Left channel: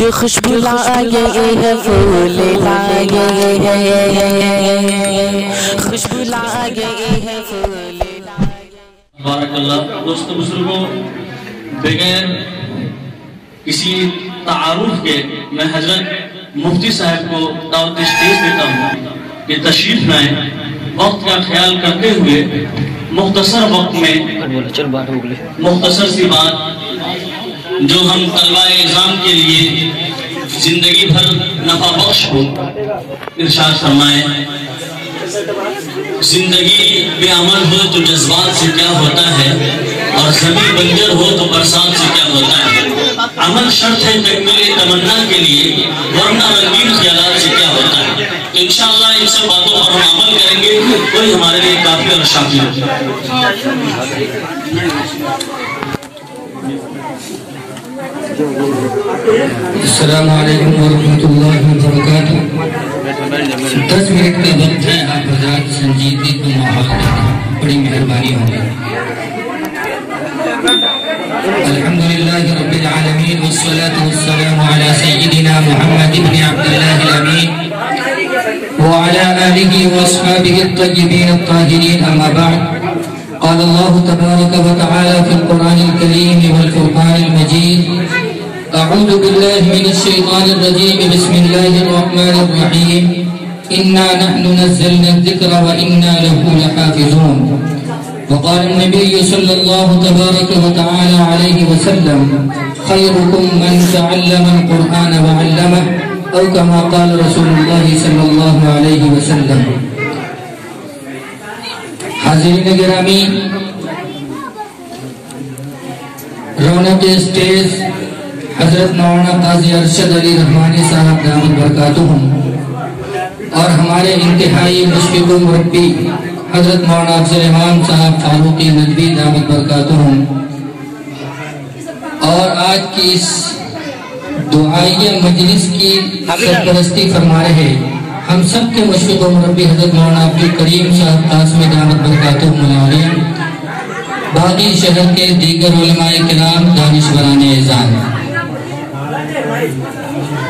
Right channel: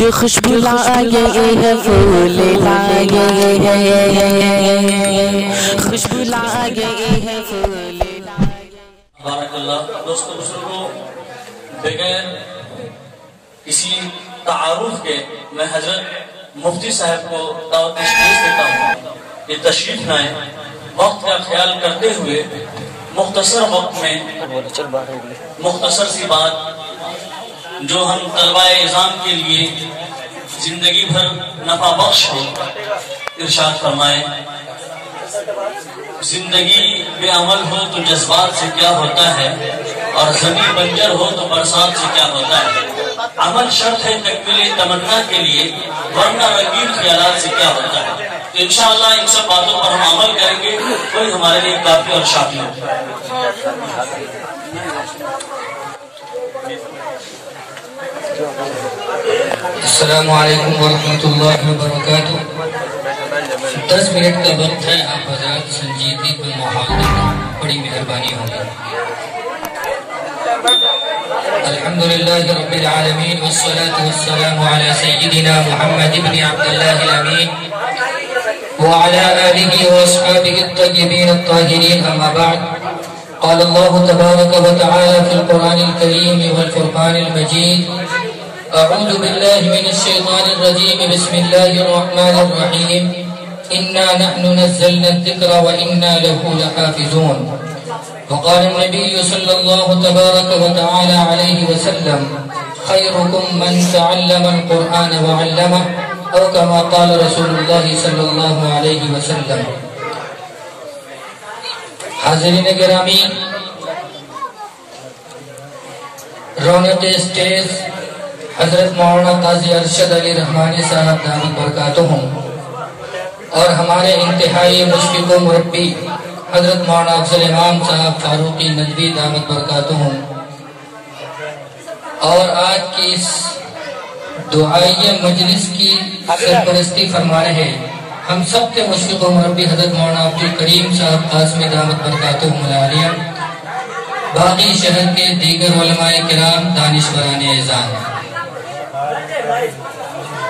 کہ خوشبو لائے ہے پھول لائے ہے خوشبو لائے ہے پھول لائے۔ بارک اللہ۔ دوستو بزرگوں، بغیر کسی تعارف کے میں حضرت مفتی صاحب کو دعوت اسٹیج دیتا ہوں کہ تشریف لائیں، وقت کا خیال کرتے ہوئے مختصر وقت میں مختصر سی بات جو ہم طلبہ اعظام کے لیے زندگی بھر نفع بخش ہو ارشاد فرمائیں۔ زندگی بے عمل ہو تو جذبات سے کیا ہوتا ہے، اور زمین بنجر ہو تو برسات سے کیا ہوتا ہے۔ عمل شرط ہے تکمیل تمنا کے لیے، ورنہ رنگین خیالات سے کیا ہوتا ہے۔ تو انشاءاللہ ان سب باتوں پر ہم عمل کریں گے، وہی ہمارے لیے کافی اور شافی ہوگا۔ السلام علیکم ورحمۃ اللہ وبرکاتہ۔ 10 منٹ کا وقت ہے، آپ حضرات سنجیدگی کو ماحول دینا، بڑی مہربانی ہوگی۔ الحمدللہ رب العالمین والصلاة والسلام علی سیدنا محمد بن عبداللہ الامین وعلى آلہ واصحابہ الطیبین الطاہرین، اما بعد۔ قال اللہ تبارک وتعالی فی القرآن الکریم والفرقان المجید، اعوذ باللہ من الشیطان الرجیم، بسم اللہ الرحمن الرحیم، انا نحن نزلنا الذکر وانا له لحافظون۔ وقال النبی صلی اللہ تبارک وتعالی علیہ وسلم، خیرکم من تعلم القرآن وعلمہ، او کما قال رسول اللہ صلی اللہ علیہ وسلم۔ حاضرین گرامی، رونق اسٹیج حضرت مولانا قاضی ارشد علی رحمانی صاحب دامت برکاتہم، اور ہمارے انتہائی مشفق و مربی حضرت مولانا افضل امام صاحب فاروقی ندوی دامت برکاتہم، اور آج کی اس دعائیہ مجلس کی سرپرستی فرما رہے ہم سب کے مشفق و مربی حضرت مولانا عبدالکریم صاحب قاسمی دامت برکاتہم العالیہ، باقی شہر کے دیگر علماء کرام، دانشوران اعظام۔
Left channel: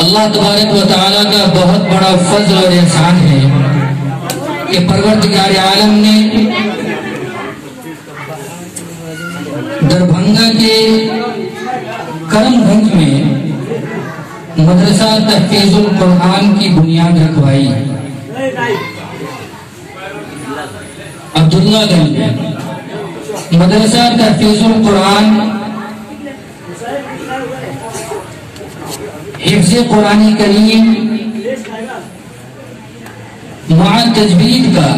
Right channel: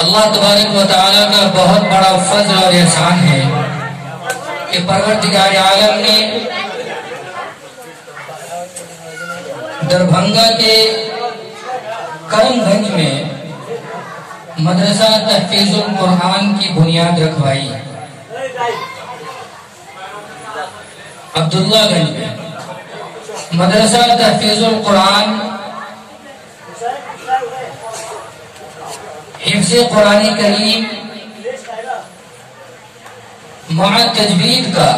اللہ تبارک و تعالیٰ کا بہت بڑا فضل اور احسان ہے کہ پروردگار عالم نے دربھنگا کے کرم گنج میں مدرسہ تحفیظ القرآن کی بنیاد رکھوائی۔ عبداللہ گنج میں مدرسہ تحفیظ القرآن، حفظ قرآن کریم مع تجوید کا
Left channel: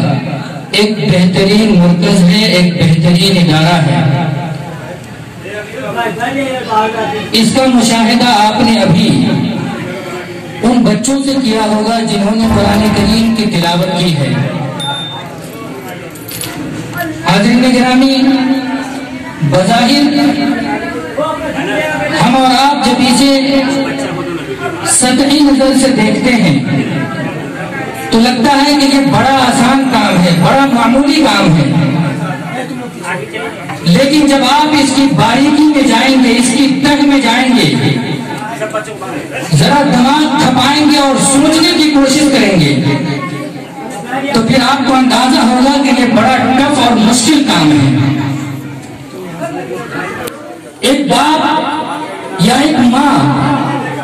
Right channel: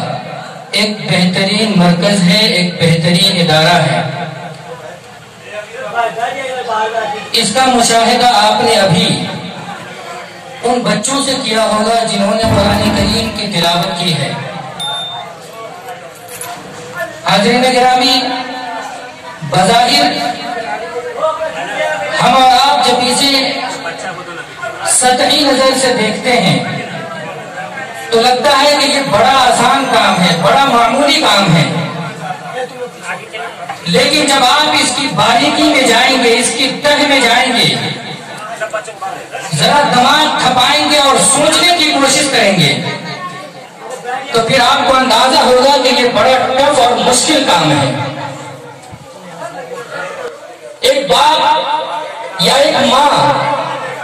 ایک بہترین مرکز ہے، ایک بہترین ادارہ ہے۔ اس کا مشاہدہ آپ نے ابھی ان بچوں سے کیا ہوگا جنہوں نے قرآن کریم کی تلاوت کی ہے۔ حاضرین گرامی، بظاہر ہم اور آپ جب اسے سطحی نظر سے دیکھتے ہیں تو لگتا ہے کہ یہ بڑا آسان کام ہے، بڑا معمولی کام ہے، لیکن جب آپ اس کی باریکی میں جائیں گے، اس کی تہ میں جائیں گے، ذرا دماغ کھپائیں گے اور سوچنے کی کوشش کریں گے تو پھر آپ کو اندازہ ہوگا کہ یہ بڑا ٹف اور مشکل کام ہے۔ ایک باپ یا ایک ماں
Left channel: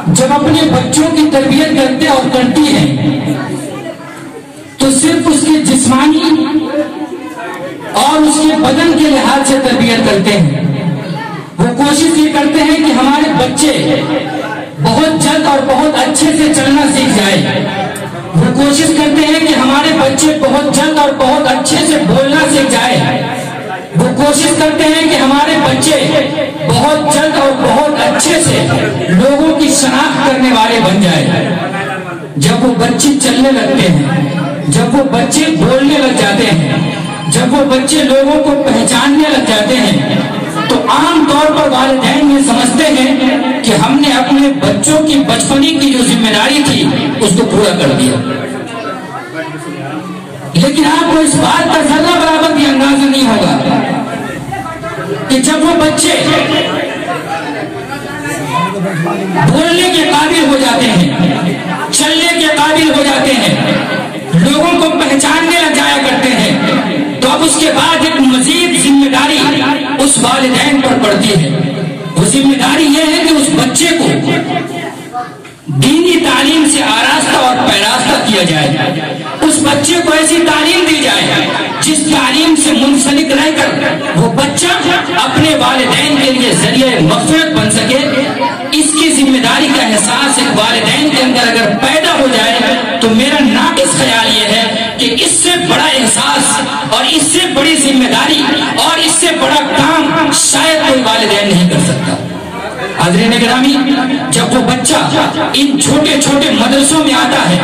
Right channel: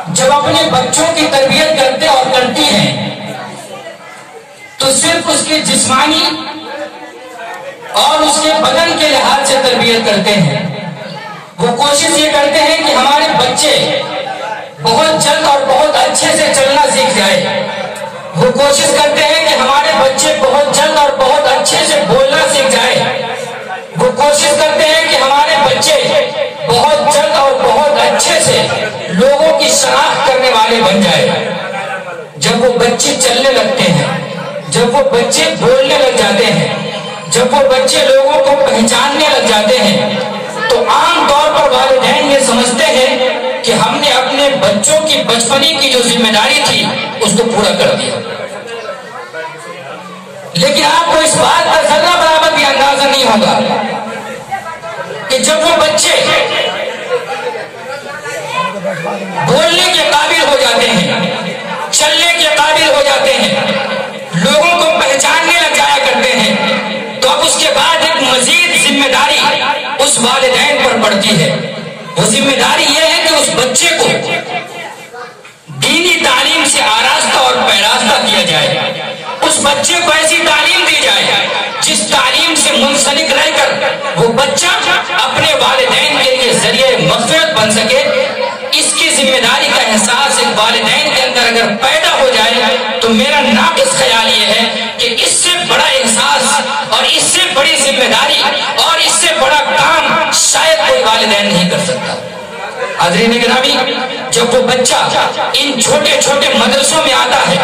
جب اپنے بچوں کی تربیت کرتے اور کرتی ہیں تو صرف اس کے جسمانی اور اس کے بدن کے لحاظ سے تربیت کرتے ہیں۔ وہ کوشش یہ کرتے ہیں کہ ہمارے بچے بہت جلد اور بہت اچھے سے چلنا سیکھ جائے۔ وہ کوشش کرتے ہیں کہ ہمارے بچے بہت جلد اور بہت اچھے سے بولنا سیکھ جائے۔ وہ کوشش کرتے ہیں کہ ہمارے بچے بہت جلد اور بہت اچھے سے لوگوں کی شناخت کرنے والے بن جائے۔ جب وہ بچے چلنے لگتے ہیں، جب وہ بچے بولنے لگ جاتے ہیں، جب وہ بچے لوگوں کو پہچاننے لگ جاتے ہیں تو عام طور پر والدین یہ سمجھتے ہیں کہ ہم نے اپنے بچوں کی بچپنی کی جو ذمہ داری تھی اس کو پورا کر دیا، لیکن آپ کو اس بات کا ذرہ برابر بھی اندازہ نہیں ہوگا کہ جب وہ بچے بولنے کے قابل پڑتی ہے، وہ ذمہ داری یہ ہے کہ اس بچے کو دینی تعلیم سے آراستہ اور پیراستہ کیا جائے، اس بچے کو ایسی تعلیم دی جائے جس تعلیم سے منسلک رہ کر وہ بچہ اپنے والدین کے لیے ذریعہ مغفرت بن سکے۔ اس کی ذمہ داری کا احساس ایک والدین کے اندر اگر پیدا ہو جائے تو میرا ناقص خیال یہ ہے کہ اس سے بڑا احساس اور اس سے بڑی ذمہ داری اور اس سے بڑا کام شاید کوئی والدین نہیں کر سکتا۔ حاضرین گرامی، جب وہ بچہ ان چھوٹے چھوٹے مدرسوں میں آتا ہے،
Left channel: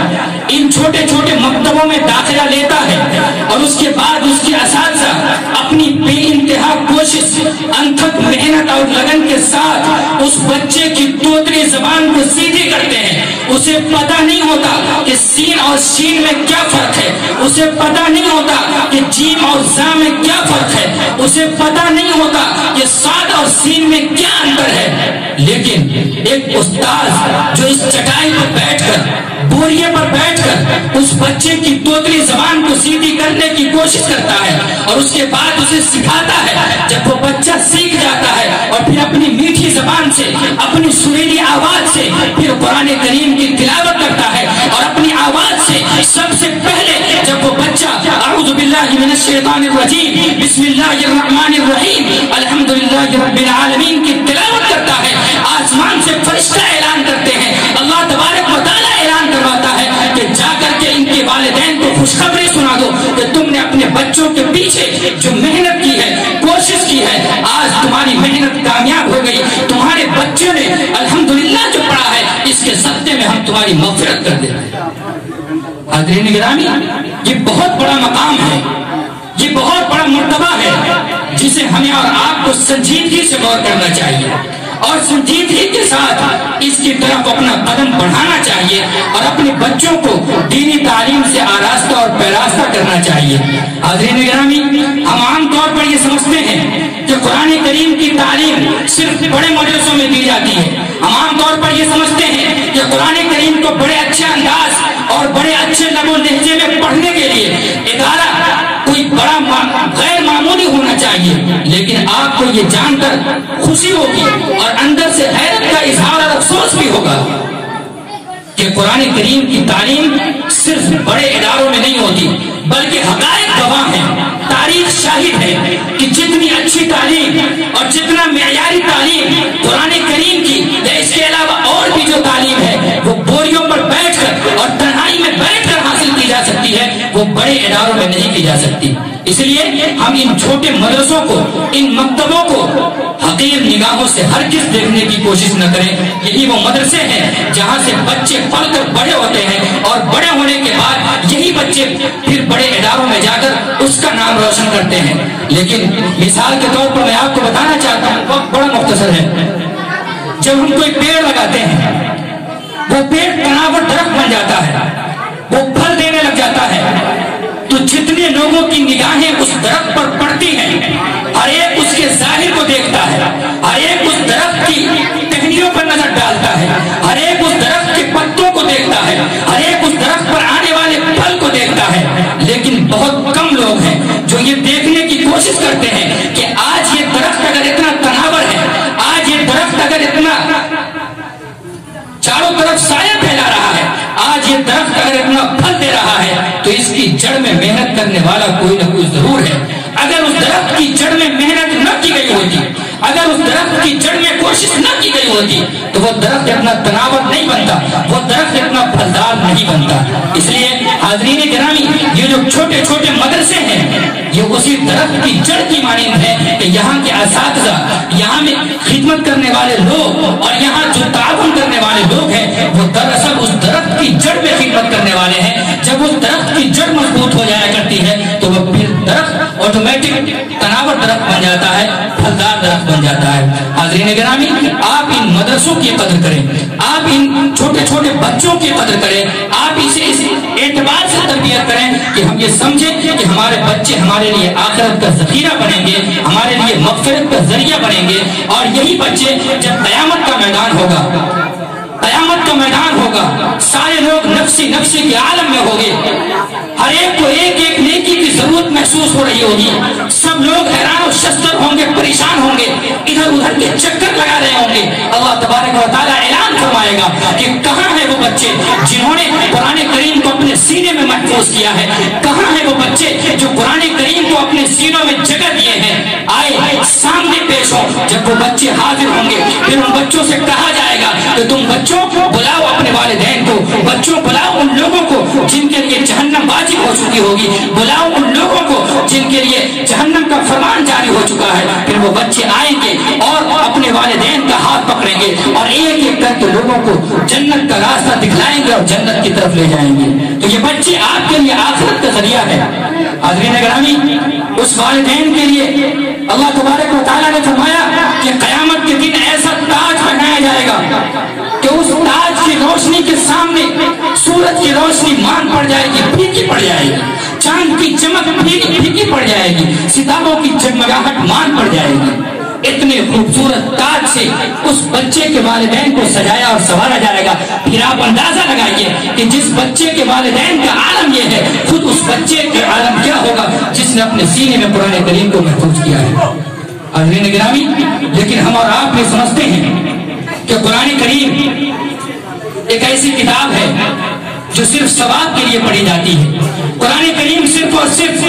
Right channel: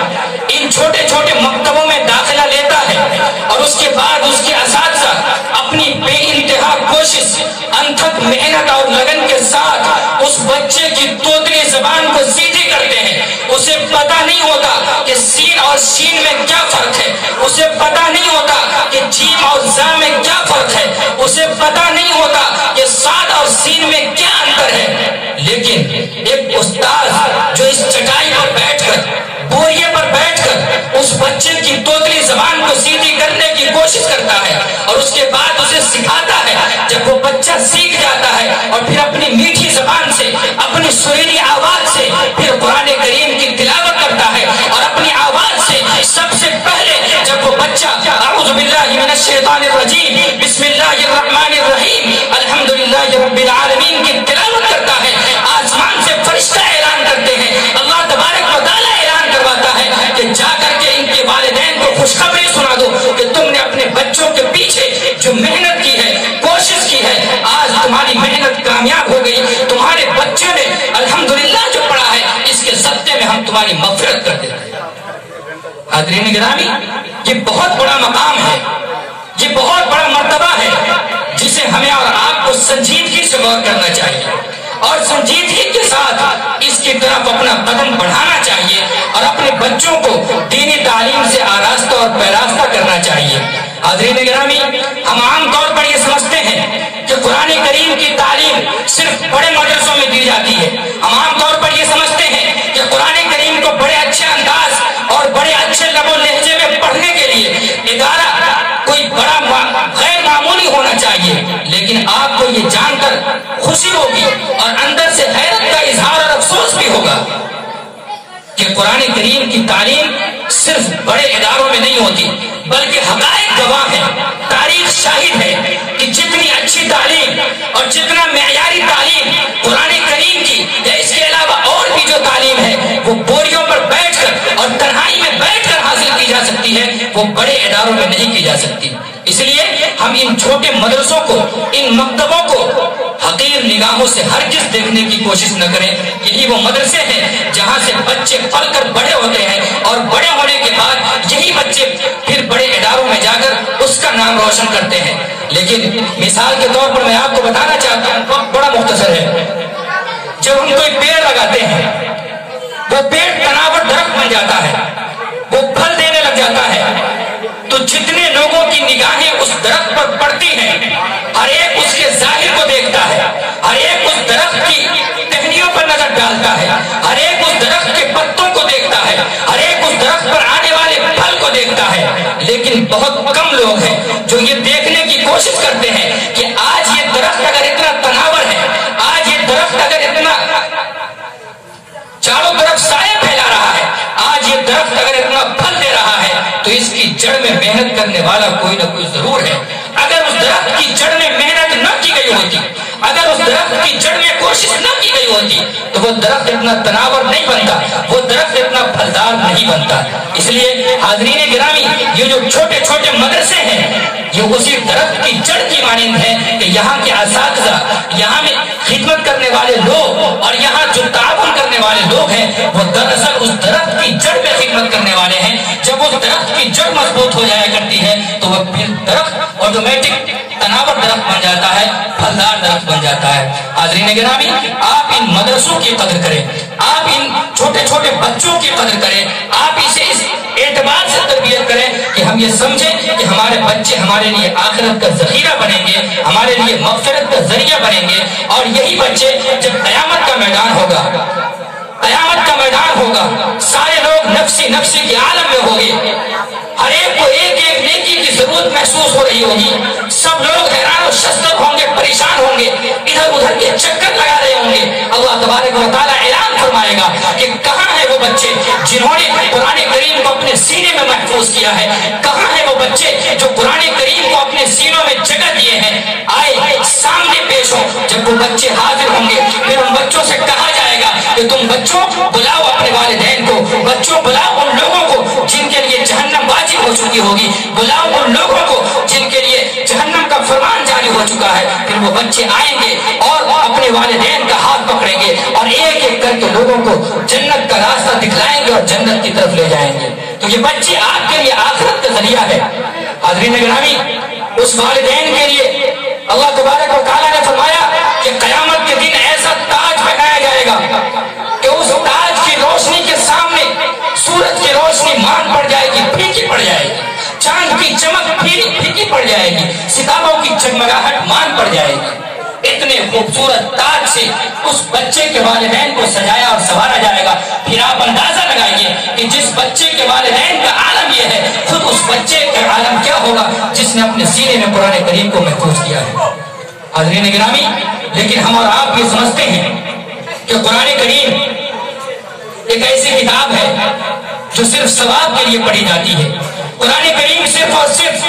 ان چھوٹے چھوٹے مکتبوں میں داخلہ لیتا ہے اور اس کے بعد اس کے اساتذہ اپنی بے انتہا کوشش، انتھک محنت اور لگن کے ساتھ اس بچے کی توتلی زبان کو سیدھی کرتے ہیں، اسے پتہ نہیں ہوتا کہ سین اور شین میں کیا فرق ہے، اسے پتہ نہیں ہوتا کہ جیم اور زا میں کیا فرق ہے، اسے پتہ نہیں ہوتا کہ صاد اور سین میں کیا انتر ہے، لیکن ایک استاد جو اس چٹائی پر بیٹھ کر، بوریے پر بیٹھ کر اس بچے کی توتلی زبان کو سیدھی کرنے کی کوشش کرتا ہے اور اس کے بعد اسے سکھاتا ہے، جب وہ بچہ سیکھ جاتا ہے اور پھر اپنی میٹھی زبان سے، اپنی سریلی آواز سے پھر قرآن کریم کی تلاوت کرتا ہے اور اپنی آواز سے سب سے پہلے جب وہ بچہ اعوذ باللہ من الشیطان الرجیم بسم اللہ الرحمن الرحیم الحمدللہ رب العالمین کی تلاوت کرتا ہے، آسمان سے فرشتہ اعلان کرتے ہیں، اللہ تبارک و تعالیٰ اعلان کرواتا ہے کہ جا کر کے ان کے والدین کو خوشخبری سنا دو کہ تم نے اپنے بچوں کے پیچھے جو محنت کی ہے، کوشش کی ہے، آج تمہاری محنت کامیاب ہو گئی، تمہارے بچوں نے الحمدللہ جو پڑھا ہے اس کے صدقے میں ہم تمہاری مغفرت کر دیتے ہیں۔ حاضرین گرامی، یہ بہت بڑا مقام ہے، یہ بہت بڑا مرتبہ ہے جسے ہمیں اور آپ کو سنجیدگی سے غور کرنا چاہیے اور سنجیدگی کے ساتھ اس کی طرف اپنا قدم بڑھانا چاہیے اور اپنے بچوں کو دینی تعلیم سے آراستہ اور پیراستہ کرنا چاہیے۔ حاضرین گرامی، ہم عام طور پر یہ سمجھتے ہیں کہ قرآن کریم کی تعلیم صرف بڑے مدرسوں میں دی جاتی ہے، ہم عام طور پر یہ سمجھتے ہیں کہ قرآن کریم کو بڑے اچھے انداز اور بڑے اچھے لب و لہجے میں پڑھنے کے لیے ادارہ کوئی بڑا غیر معمولی ہونا چاہیے، لیکن آپ کو یہ جان کر خوشی ہوگی اور اندر سے حیرت کا اظہار اور افسوس بھی ہوگا کہ قرآن کریم کی تعلیم صرف بڑے اداروں میں نہیں ہوتی، بلکہ حقائق گواہ ہیں، تاریخ شاہد ہے کہ جتنی اچھی تعلیم اور جتنا معیاری تعلیم قرآن کریم کی یا اس کے علاوہ اور بھی جو تعلیم ہے وہ بوریوں پر بیٹھ کر اور تنہائی میں بیٹھ کر حاصل کی جا سکتی ہے، وہ بڑے اداروں میں نہیں کی جا سکتی۔ اس لیے ہم ان چھوٹے مدرسوں کو، ان مکتبوں کو حقیر نگاہوں سے ہرگز دیکھنے کی کوشش نہ کریں۔ یہی وہ مدرسے ہیں جہاں سے بچے پل کر بڑے ہوتے ہیں اور بڑے ہونے کے بعد یہی بچے پھر بڑے اداروں میں جا کر اس کا نام روشن کرتے ہیں۔ لیکن مثال کے طور پر میں آپ کو بتانا چاہتا ہوں، وقت بڑا مختصر ہے، جب ہم کوئی پیڑ لگاتے ہیں وہ پیڑ تناور درخت بن جاتا ہے، وہ پھل دینے لگ جاتا ہے، تو جتنے لوگوں کی نگاہیں اس درخت پر پڑتی ہیں ہر ایک اس کے ظاہر کو دیکھتا ہے، ہر ایک اس درخت کی ٹہنیوں پر نظر ڈالتا ہے، ہر ایک اس درخت کے پتوں کو دیکھتا ہے، ہر ایک اس درخت پر آنے والے پھل کو دیکھتا ہے، لیکن بہت کم لوگ ہیں جو یہ دیکھنے کی کوشش کرتے ہیں کہ آج یہ درخت اگر اتنا تناور ہے، آج یہ درخت اگر اتنا چاروں طرف سایہ پھیلا رہا ہے، آج یہ درخت اگر اتنا پھل دے رہا ہے تو اس کی جڑ میں محنت کرنے والا کوئی نہ کوئی ضرور ہے۔ اگر اس درخت کی جڑ میں محنت نہ کی گئی ہوتی، اگر اس درخت کی جڑ میں کوشش نہ کی گئی ہوتی تو وہ درخت اتنا تناور نہیں بنتا، وہ درخت اتنا پھلدار نہیں بنتا۔ اس لیے حاضرین گرامی، یہ جو چھوٹے چھوٹے مدرسے ہیں یہ اسی درخت کی جڑ کی مانند ہے کہ یہاں کے اساتذہ، یہاں میں خدمت کرنے والے لوگ اور یہاں جو تعاون کرنے والے لوگ ہیں وہ دراصل اس درخت کی جڑ میں خدمت کرنے والے ہیں۔ جب اس درخت کی جڑ مضبوط ہو جایا کرتی ہے تو وہ پھر درخت آٹومیٹک تناور درخت بن جاتا ہے، پھلدار درخت بن جاتا ہے۔ حاضرین گرامی، آپ ان مدرسوں کی قدر کریں، آپ ان چھوٹے چھوٹے بچوں کی قدر کریں، آپ اسے اس اعتبار سے تربیت کریں کہ ہم یہ سمجھیں کہ ہمارے بچے ہمارے لیے آخرت کا ذخیرہ بنیں گے، ہمارے لیے مغفرت کا ذریعہ بنیں گے، اور یہی بچے جب قیامت کا میدان ہوگا، قیامت کا میدان ہوگا، سارے لوگ نفسی نفسی کے عالم میں ہوں گے، ہر ایک کو ایک ایک نیکی کی ضرورت محسوس ہو رہی ہوگی، سب لوگ حیران و شستر ہوں گے، پریشان ہوں گے، ادھر ادھر بچے چکر لگا رہے ہوں گے، اللہ تبارک و تعالیٰ اعلان فرمائے گا کہ کہاں ہے وہ بچے جنہوں نے قرآن کریم کو اپنے سینے میں محفوظ کیا ہے، کہاں ہے وہ بچے جو قرآن کریم کو اپنے سینوں میں جگہ دیے ہیں، آئے سامنے پیش ہو۔ جب وہ بچے حاضر ہوں گے پھر ان بچوں سے کہا جائے گا کہ تم بچوں بلاؤ اپنے والدین کو، بچوں بلاؤ ان لوگوں کو جن کے لیے جہنم واجب ہو چکی ہوگی، بلاؤ ان لوگوں کو جن کے لیے جہنم کا فرمان جاری ہو چکا ہے۔ پھر وہ بچے آئیں گے اور اپنے والدین کا ہاتھ پکڑیں گے اور ایک ایک کر کے لوگوں کو جنت کا راستہ دکھلائیں گے اور جنت کی طرف لے جائیں گے۔ تو یہ بچے آپ کے لیے آخرت کا ذریعہ ہے۔ حاضرین گرامی، اس والدین کے لیے اللہ تبارک و تعالیٰ نے فرمایا کہ قیامت کے دن ایسا تاج پہنایا جائے گا کہ اس تاج کی روشنی کے سامنے سورج کی روشنی مان پڑ جائے گی، پھیکی پڑ جائے گی، چاند کی چمک پھیکی پڑ جائے گی، ستاروں کی جگمگاہٹ مان پڑ جائے گی۔ اتنے خوبصورت تاج سے اس بچے کے والدین کو سجایا اور سنوارا جائے گا۔ پھر آپ اندازہ لگائیے کہ جس بچے کے والدین کا عالم یہ ہے، خود اس بچے کا عالم کیا ہوگا جس نے اپنے سینے میں قرآن کریم کو محفوظ کیا ہے۔ حاضرین گرامی، لیکن ہم اور آپ یہ سمجھتے ہیں کہ قرآن کریم ایک ایسی کتاب ہے جو صرف ثواب کے لیے پڑھی جاتی ہے۔ قرآن کریم صرف اور صرف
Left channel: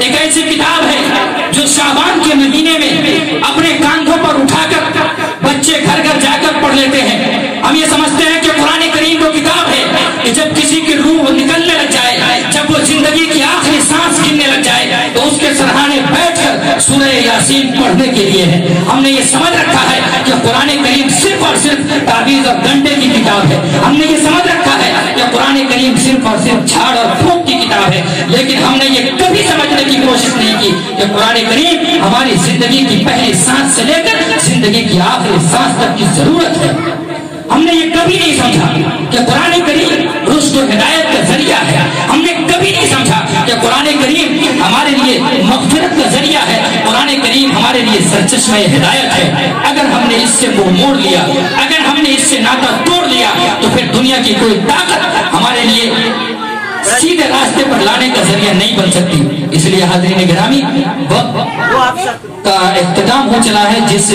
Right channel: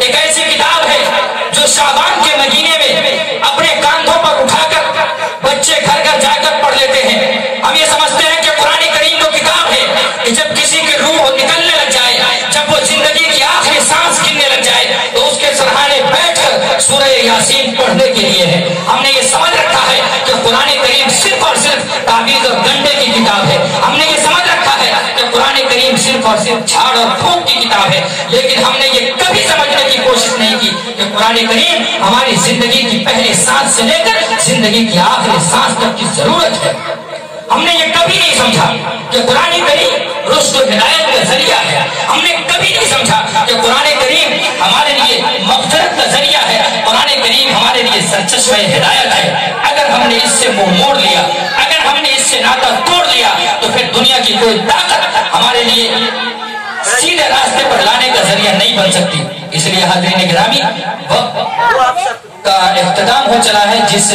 ایک ایسی کتاب ہے جو شعبان کے مہینے میں اپنے کاندھوں پر اٹھا کر بچے گھر گھر جا کر پڑھ لیتے ہیں۔ ہم یہ سمجھتے ہیں کہ قرآن کریم وہ کتاب ہے کہ جب کسی کی روح نکلنے لگ جائے، جب وہ زندگی کی آخری سانس گننے لگ جائے تو اس کے سرہانے بیٹھ کر سورہ یاسین پڑھنے کے لیے ہے۔ ہم نے یہ سمجھ رکھا ہے کہ قرآن کریم صرف اور صرف تعویذ اور گنڈے کی کتاب ہے۔ ہم نے یہ سمجھ رکھا ہے کہ قرآن کریم صرف اور صرف جھاڑ اور پھونک کی کتاب ہے، لیکن ہم نے یہ کبھی سمجھنے کی کوشش نہیں کی کہ قرآن کریم ہماری زندگی کی پہلی سانس سے لے کر زندگی کی آخری سانس تک کی ضرورت ہے۔ ہم نے یہ کبھی نہیں سمجھا کہ قرآن کریم رشد و ہدایت کا ذریعہ ہے۔ ہم نے کبھی نہیں سمجھا کہ قرآن کریم ہمارے لیے مغفرت کا ذریعہ ہے، قرآن کریم ہمارے لیے سرچشمہ ہدایت ہے۔ اگر ہم نے اس سے منہ موڑ لیا، اگر ہم نے اس سے ناطہ توڑ لیا تو پھر دنیا کی کوئی طاقت ہمارے لیے سیدھے راستے پر لانے کا ذریعہ نہیں بن سکتی۔ اس لیے حاضرین گرامی، وقت کا اختتام ہو چلا ہے، جس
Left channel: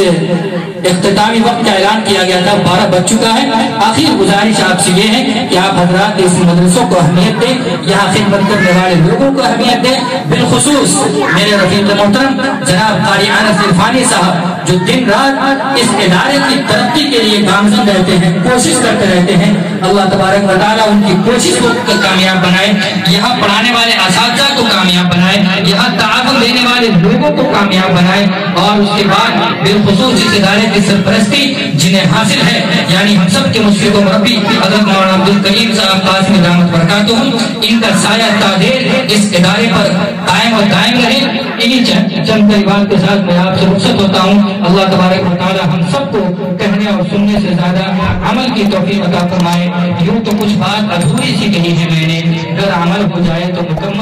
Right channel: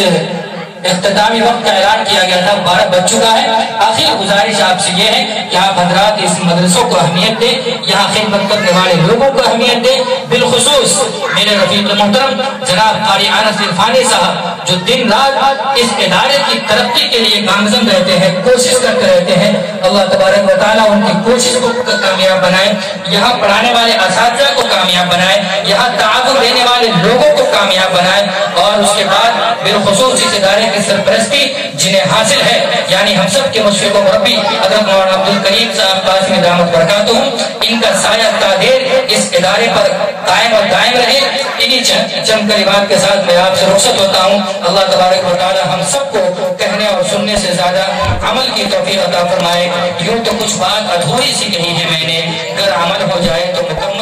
اختتامی وقت کا اعلان کیا گیا تھا 12 بج چکا ہے۔ آخر گزارش آپ سے یہ ہے کہ آپ حضرات اس مدرسوں کو اہمیت دیں، یہاں خدمت کرنے والے لوگوں کو اہمیت دیں، بالخصوص میرے رفیق محترم جناب قاری انس عرفانی صاحب جو دن رات اس ادارے کی ترقی کے لیے گامزن رہتے ہیں، کوشش کرتے رہتے ہیں۔ اللہ تبارک و تعالیٰ ان کی کوشش کو کامیاب بنائے، یہاں پڑھانے والے اساتذہ کو کامیاب بنائے، یہاں تعاون دینے والے لوگوں کو کامیاب بنائے، اور اس کے بعد بالخصوص اس ادارے کی سرپرستی جنہیں حاصل ہے، یعنی ہم سب کے مشفق و مربی حضرت مولانا عبدالکریم صاحب قاسمی دامت برکاتہ، ان کا سایہ تادیر اس ادارے پر قائم و دائم رہے۔ انہی چند کلمات کے ساتھ میں آپ سے رخصت ہوتا ہوں۔ اللہ تبارک و تعالی ہم سب کو کہنے اور سننے سے زیادہ عمل کی توفیق عطا فرمائے۔ یوں تو کچھ بات ادھوری سی کہی ہے میں نے، اگر عمل ہو جائے تو مکمل